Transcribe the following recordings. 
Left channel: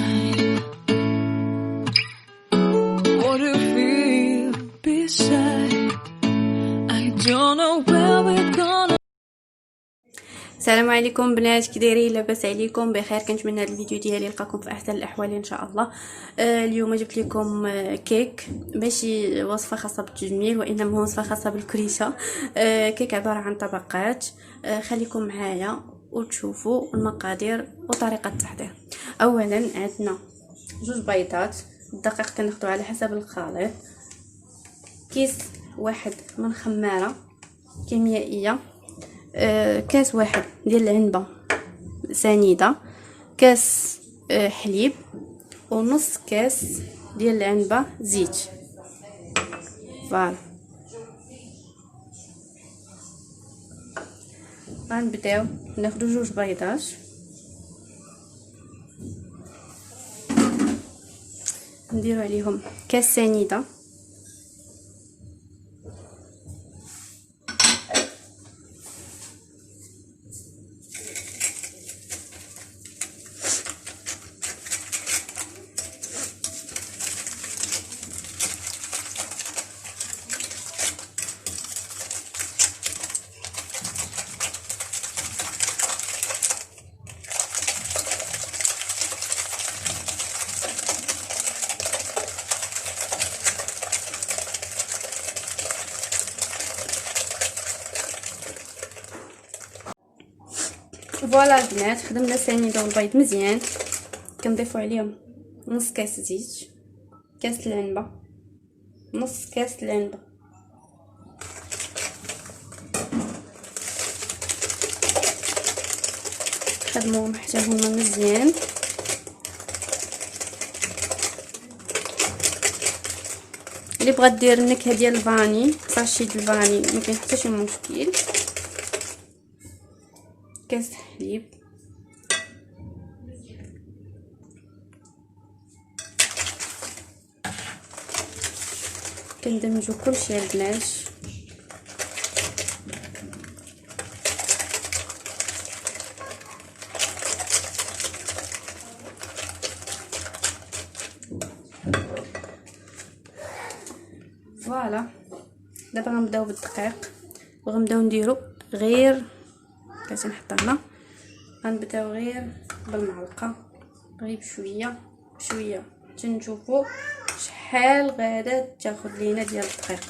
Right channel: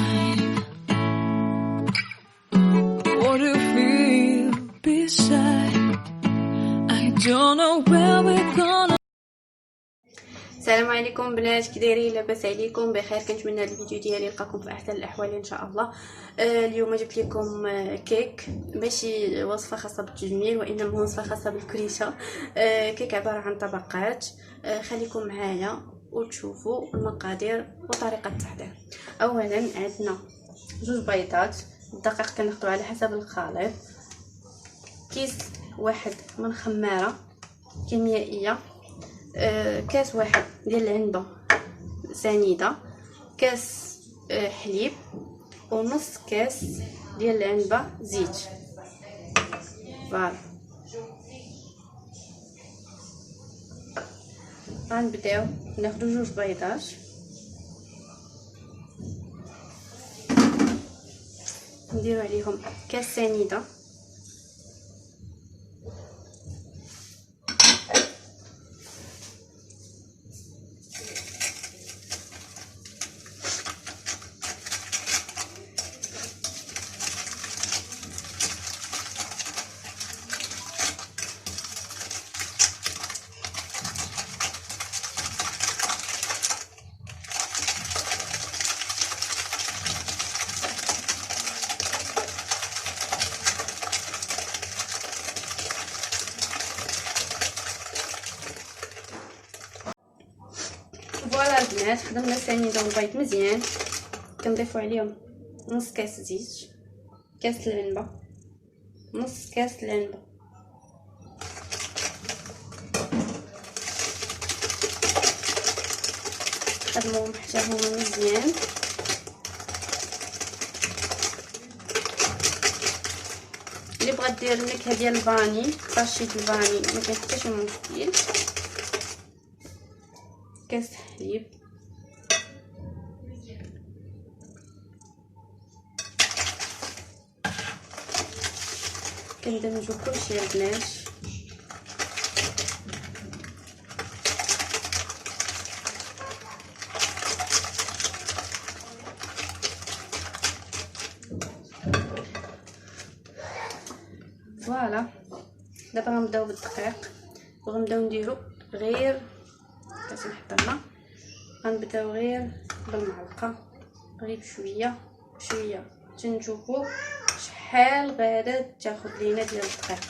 mine. What do you feel beside? I don't know where we're gonna. السلام عليكم بنات، كي دايرين؟ لاباس عليكم؟ بخير. كنتمنى هذا الفيديو ديالي يلقاكم في احسن الاحوال ان شاء الله. اليوم جبت لكم كيك، ماشي وصفه خاصه بالتجميل وانما وصفه خاصه بالكريشه. كيك عباره عن طبقات. خليكم معايا وتشوفوا المقادير وطريقه التحضير. اولا عندنا 2 بيضات، الدقيق كناخذو على حسب الخليط، كيس واحد من خماره كيميائيه، كاس واحد ديال العنبه سنيده، كاس حليب، ونص كاس ديال العنبه زيت. فوالا غنبداو ناخدو 2 بيضات، نديرو عليهم كاس سنيده، فوالا البنات خدمنا السنيده والبيض مزيان. كنضيفو عليهم نص كاس زيت، كاس العنبه، نص كاس العنبه، خدموهم حتى هما مزيان. اللي بغات دير النكهه ديال الفاني، ساشي ديال الفاني، ما كاين حتى شي مشكل. كاس حليب، كندمجو كلشي البنات. فوالا دابا غنبداو بالدقيق، وغنبداو نديرو غير باش نحضرنا. غنبداو غير بالمعلقه، غير بشويه بشويه تنشوفوا شحال غادا تاخذ لينا ديال الدقيق.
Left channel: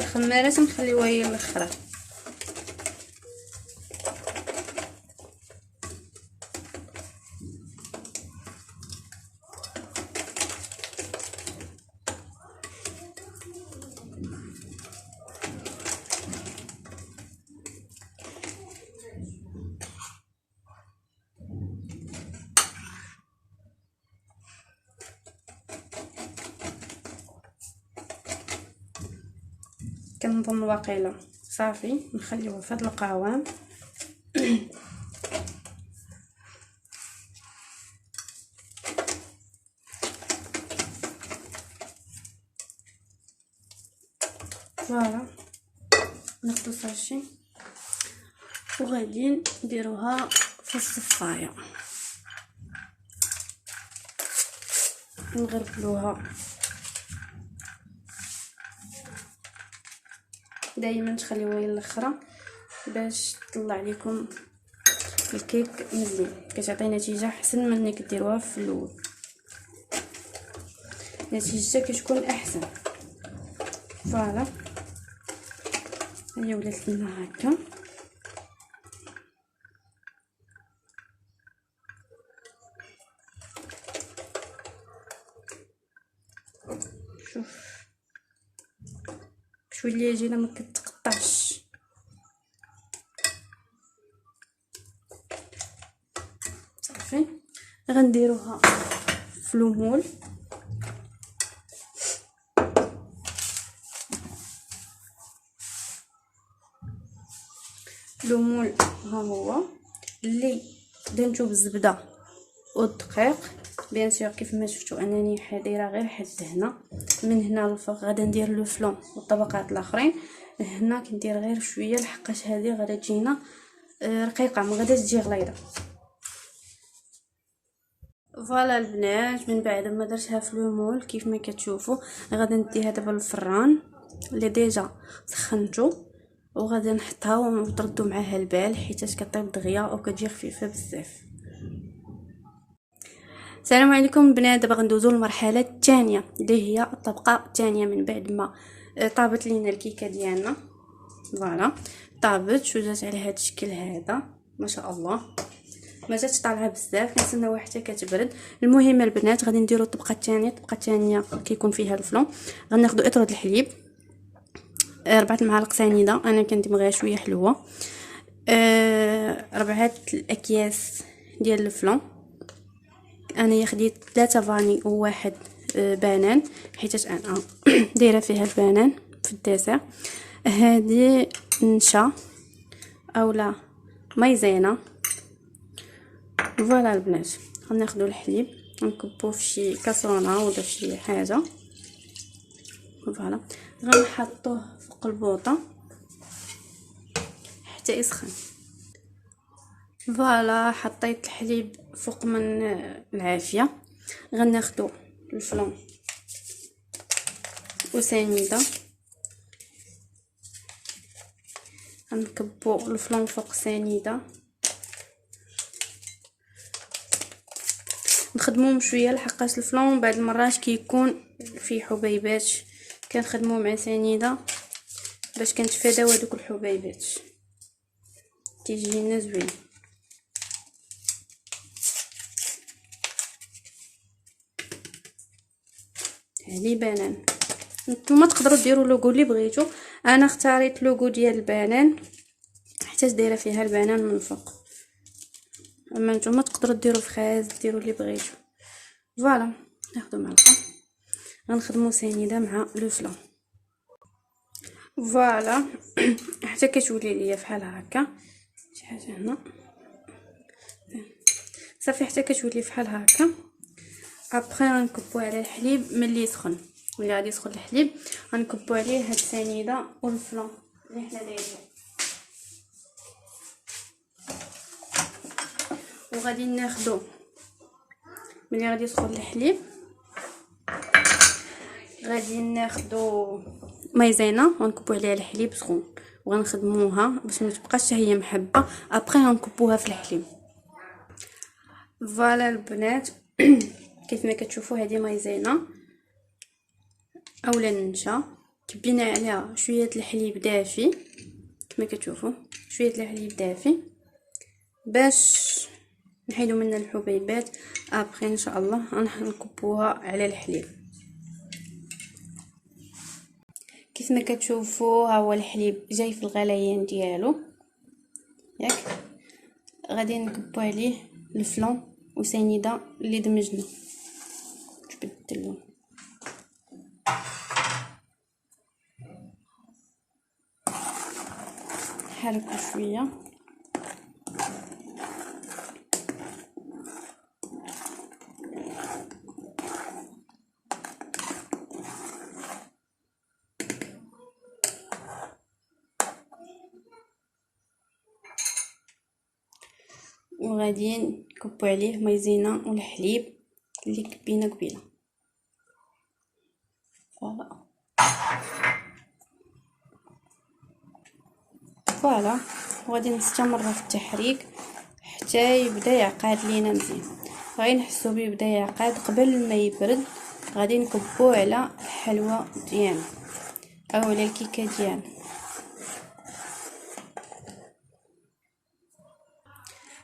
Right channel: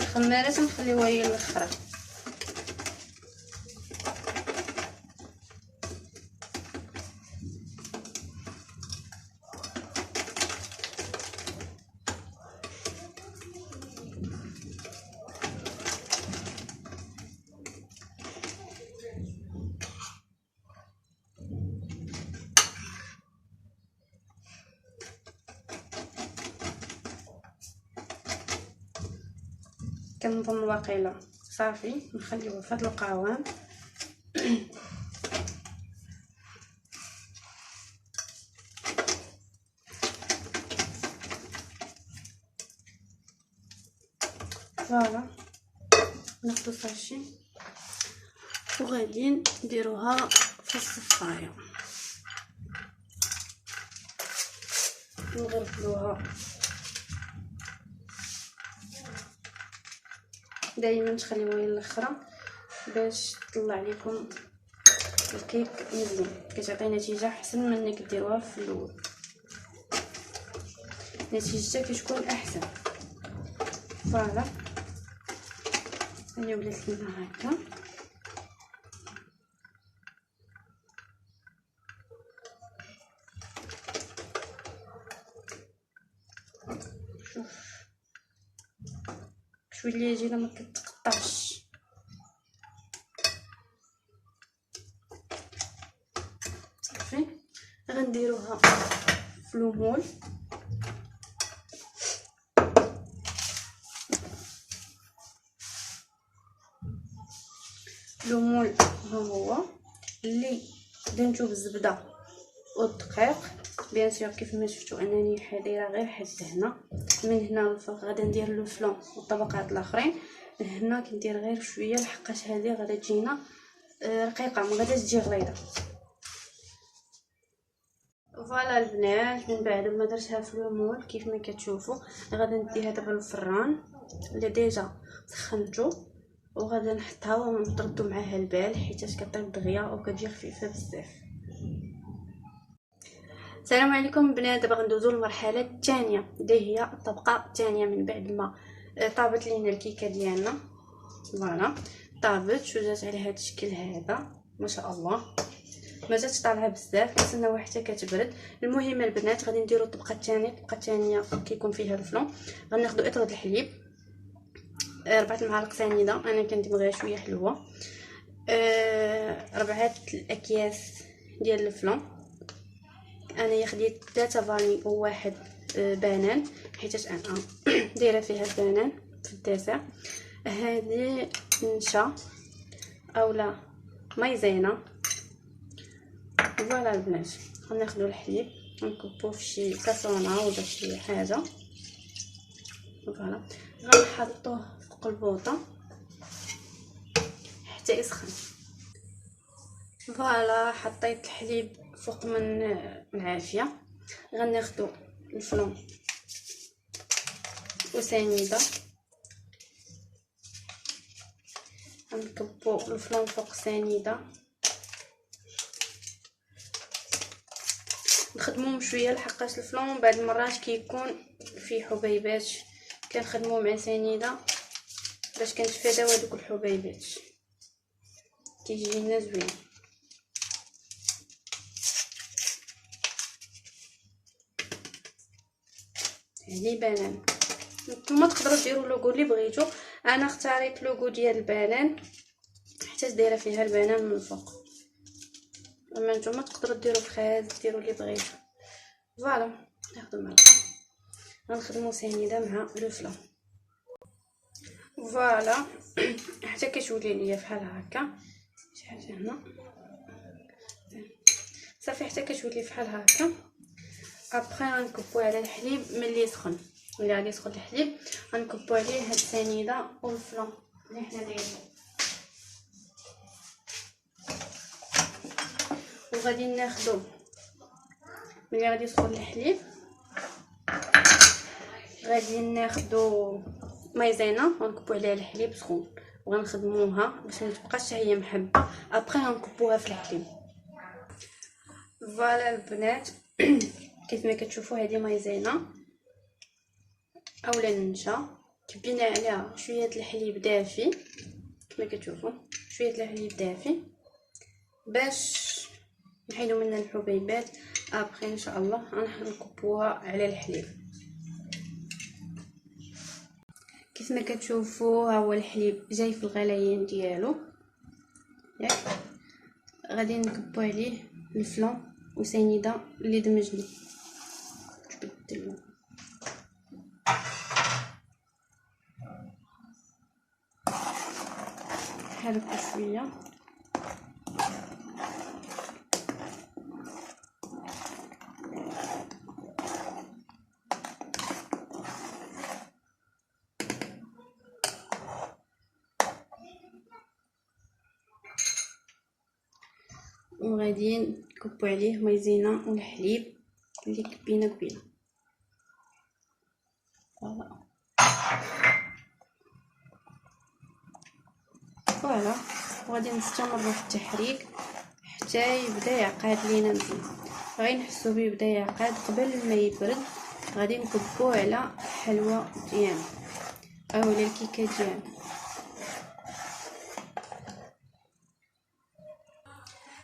الخماره تنخليوها هي الاخرى. كنظن واقيلا صافي، نخليوها في هذا القوام. فوالا ناخدو ساشي وغادي نديروها في الصفايه، نغربلوها. دائما تخليوها هي الاخرى باش تطلع لكم الكيك مزيان، كتعطي نتيجه احسن من انك ديروها في الاول، نتيجتها كتكون احسن. فوالا هي ولات لنا هكا. شوف شويه اللي يجينا ما كتقطعش. صافي غنديروها في المول. لو مول ها هو اللي دهنتو بالزبده والدقيق. بيان سور كيف ما شفتوا انني دايره غير حد هنا. من هنا للفوق غادا ندير لو فلون والطبقات الاخرين. هنا كندير غير شويه لحقاش هذه غادا تجينا رقيقه، ما غاداش تجي غليظه. فوالا البنات، من بعد ما درتها في لو مول كيف ما كتشوفوا غادا نديها دابا للفران اللي ديجا سخنتو، وغادا نحطها ونردو معاها البال حيت كطيب دغيا وكتجي خفيفه بزاف. السلام عليكم بنات، دابا غندوزو للمرحله الثانيه اللي هي الطبقه الثانيه من بعد ما طابت لينا الكيكه ديالنا. فوالا طابت وجات على هذا الشكل هذا ما شاء الله، ما جاتش طالعه بزاف، كنتسناوها حتى كتبرد. المهم البنات غادي نديرو الطبقه الثانيه كيكون فيها الفلون. غناخذوا اطرد الحليب 4 معالق سنيده، انا كندير شويه حلوه. 4 الاكياس ديال الفلون، انا خديت 3 فاني وواحد بنان حيت انا دايره فيها البنان في الديسير. هذه نشا اولا مايزينا. فوالا البنات، غناخذوا الحليب نكبوه في شي كاسرونه ولا في شي حاجه. فوالا غنحطوه فوق البوطه حتى يسخن. فوالا حطيت الحليب فوق من العافيه. غناخذوا الفلون وسنيده، غنكبوا الفلون فوق سنيده، نخدموه شويه لحقاش الفلون بعض المرات كيكون فيه حبيبات، كنخدموه مع سنيده باش كنتفاداو هذوك الحبيبات، كيجينا زوين. هذه بنان، نتوما تقدروا ديروا لوغو اللي بغيتو. انا اختاريت لوغو ديال البنان حتى دايره فيها البنان من فوق، اما نتوما تقدروا ديروا فخاز، ديروا اللي بغيتو. فوالا ناخذ معلقه غنخدموا سنيده مع لو فلون. فوالا حتى كتولي ليا بحال هكا شي حاجه هنا صافي، حتى كتولي بحال هكا. ابخي غنكبوا على الحليب ملي يسخن، ملي غادي يسخن الحليب غنكبوا عليه هاد السنيده والفلون اللي حنا دايرين، وغادي ناخذوا ملي غادي يسخن الحليب غادي ناخذوا مايزينا ونكبوا عليها الحليب سخون وغنخدموها باش ما تبقاش هي محبه. ابخي غنكبوها في الحليب. فوالا البنات كيف ما كتشوفوا هذه مايزينا اولا النشا، كبينا عليها شويه الحليب دافي كما كتشوفوا، شويه الحليب دافي باش نحيدو منها الحبيبات. ابخي ان شاء الله غنكبوها على الحليب. كيف ما كتشوفوا ها هو الحليب جاي في الغليان ديالو ياك. غادي نكبو عليه الفلون وسنيده اللي دمجنا، جبدت اللون. حركوا شويه وغادي نكبو عليه مايزينا والحليب اللي كبينا قبيله. فوالا وغادي نستمر في التحريك حتى يبدا يعقد لينا مزيان. غادي نحسو بيه يبدا يعقد قبل ما يبرد. غادي نكبوه على الحلوى ديالنا او على الكيكه ديالنا.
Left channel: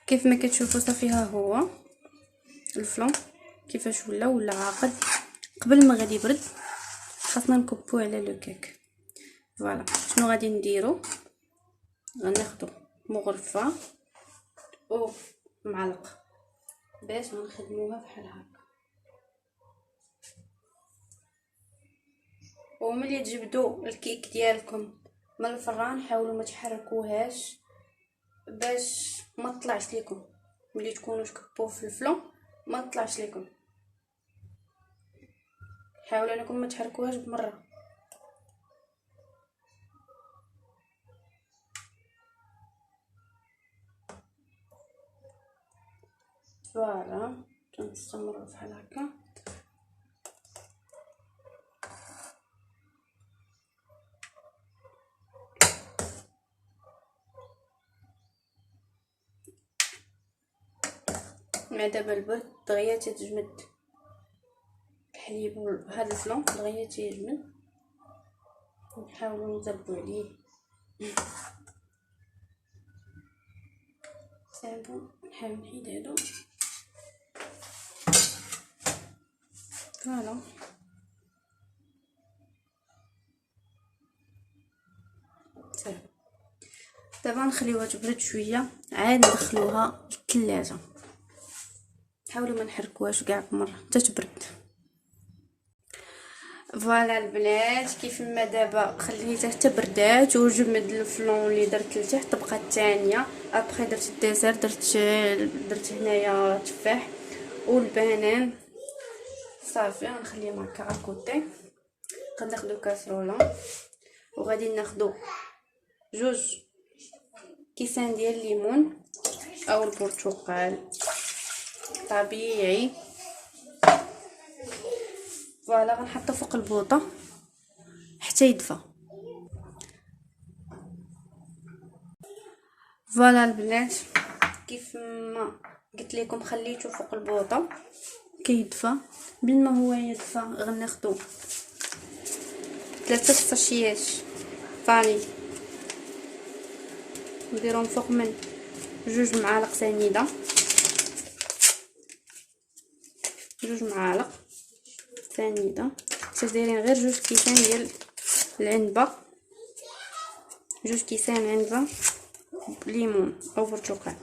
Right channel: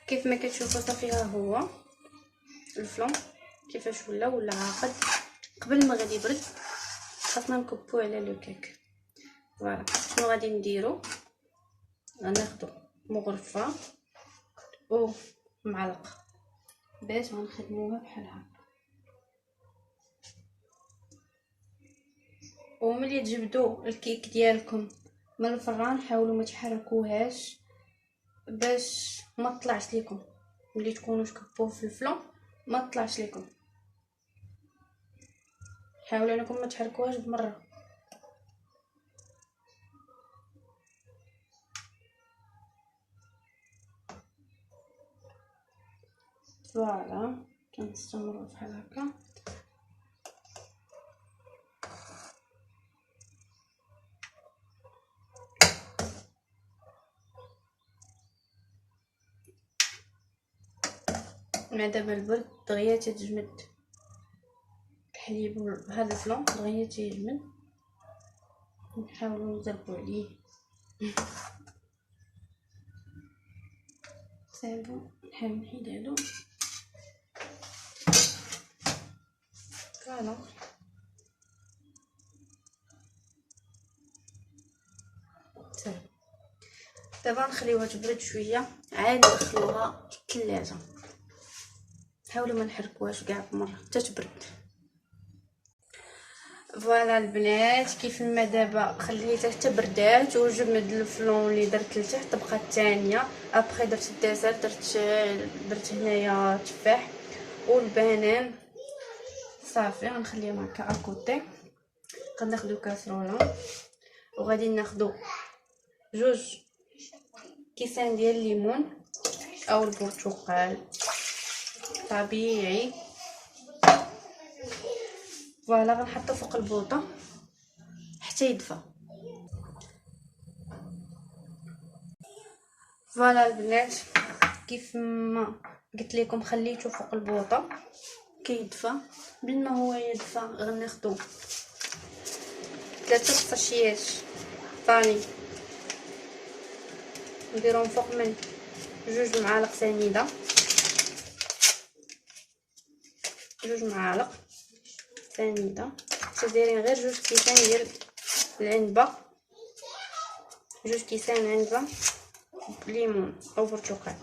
كيف ما كتشوفوا صافي ها هو الفلون كيفاش ولا عاقد. قبل ما غادي يبرد خاصنا نكبوه على لو كيك. فوالا شنو غادي نديرو، غناخدو مغرفه او معلقه باش غنخدموها بحال هكا. وملي تجبدوا الكيك ديالكم من الفران حاولوا ما تحركوهاش باش ما تطلعش ليكم ملي تكونوا تكبوه في الفلون، ما تطلعش ليكم. حاولوا انكم ما تحركوهاش بمره. فوالا تنستمروا بحال هكا. مع دابا البرد دغيا تتجمد الحليب وهذا الفلون دغيا تيجمد. نحاولوا نضربوا عليه صافي. نحاول نحيد هادو. فوالا صافي. دابا نخليوها تبرد شويه عاد ندخلوها الثلاجه. حاولوا ما نحركوهاش كاع بمره حتى تبرد. فوالا البنات كيف ما دابا خليتها حتى بردات وجمد الفلون اللي درت لتحت. تبقى الثانيه ابخي درت الديسير، درت هنايا تفاح والبنان. صافي غنخليهم هكا اكوتي. غناخدو كاسرونه وغادي ناخدو جوج كيسان ديال الليمون او البرتقال طبيعي. فوالا غنحطو فوق البوطه حتى يدفى. فوالا البنات كيف ما قلت لكم خليته فوق البوطه كيدفى. بين ما هو يدفى غناخدو 3 ساشيات فاني نديرهم فوق من 2 معالق سنيده، 2 معالق سنيده. دايرين غير 2 كيسان ديال العنبه، 2 كيسان عنبه ليمون او برتقال.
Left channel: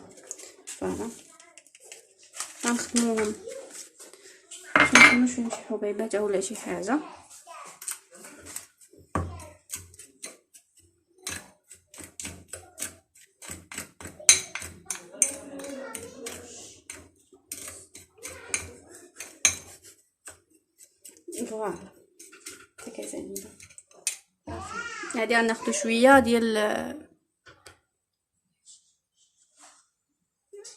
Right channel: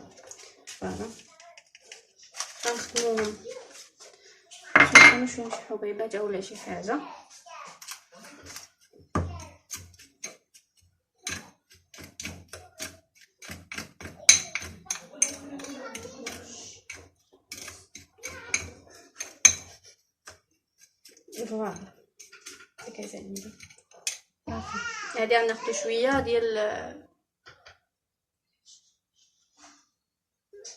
فوالا غنخدموهم باش ما يكونوش فيهم شي حبيبات اولا شي حاجه. فوالا هكا زينه. صافي هادي غناخدو شويه ديال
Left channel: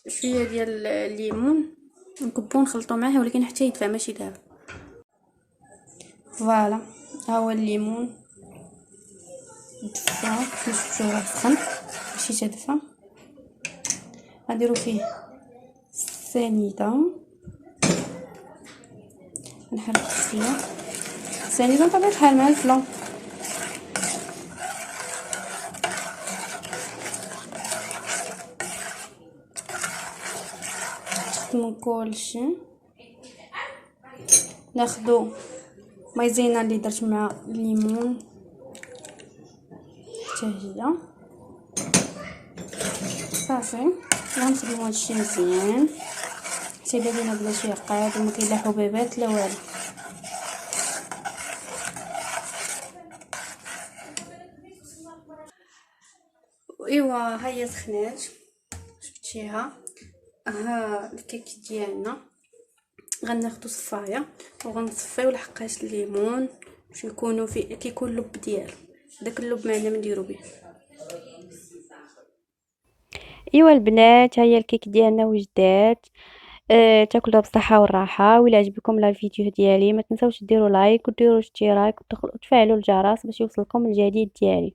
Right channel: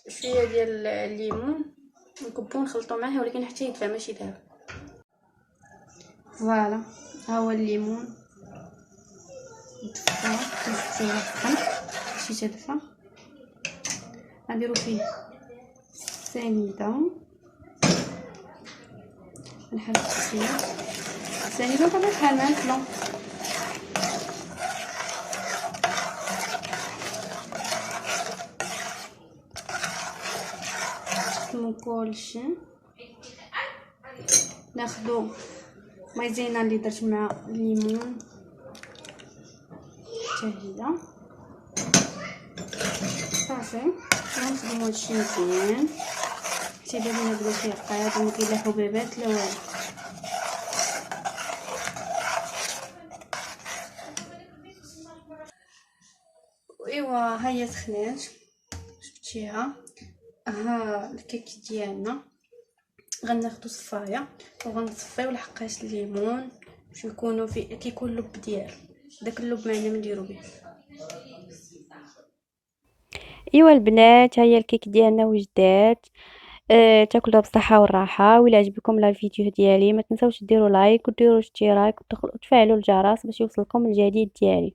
الليمون نكبو نخلطو معاه، ولكن حتى يدفى ماشي دابا. فوالا ها هو الليمون دفى شويه سخن ماشي تدفى. غنديرو فيه سنيده، نحرك شويه سنيده بطبيعه الحال مع الفلون. من كلشي ناخدو مايزينا اللي درت مع الليمون حتى هي. صافي غنخدمو هادشي مزيان حتى يبان لينا بلا شي عقاد وما كاين لا حبيبات لا والو. ايوا هي سخنات شفتيها. ها الكيك ديالنا غناخدو صفايه وغنصفيو لحقاش الليمون باش نكونوا فيه كيكون اللب ديالو. داك اللب ما نديرو به. ايوا البنات ها هي الكيك ديالنا وجدات. تاكلوها بالصحه والراحه. وإلا عجبكم الفيديو ديالي ما تنساوش ديروا لايك وديروا اشتراك وتفعلوا الجرس باش يوصلكم الجديد ديالي.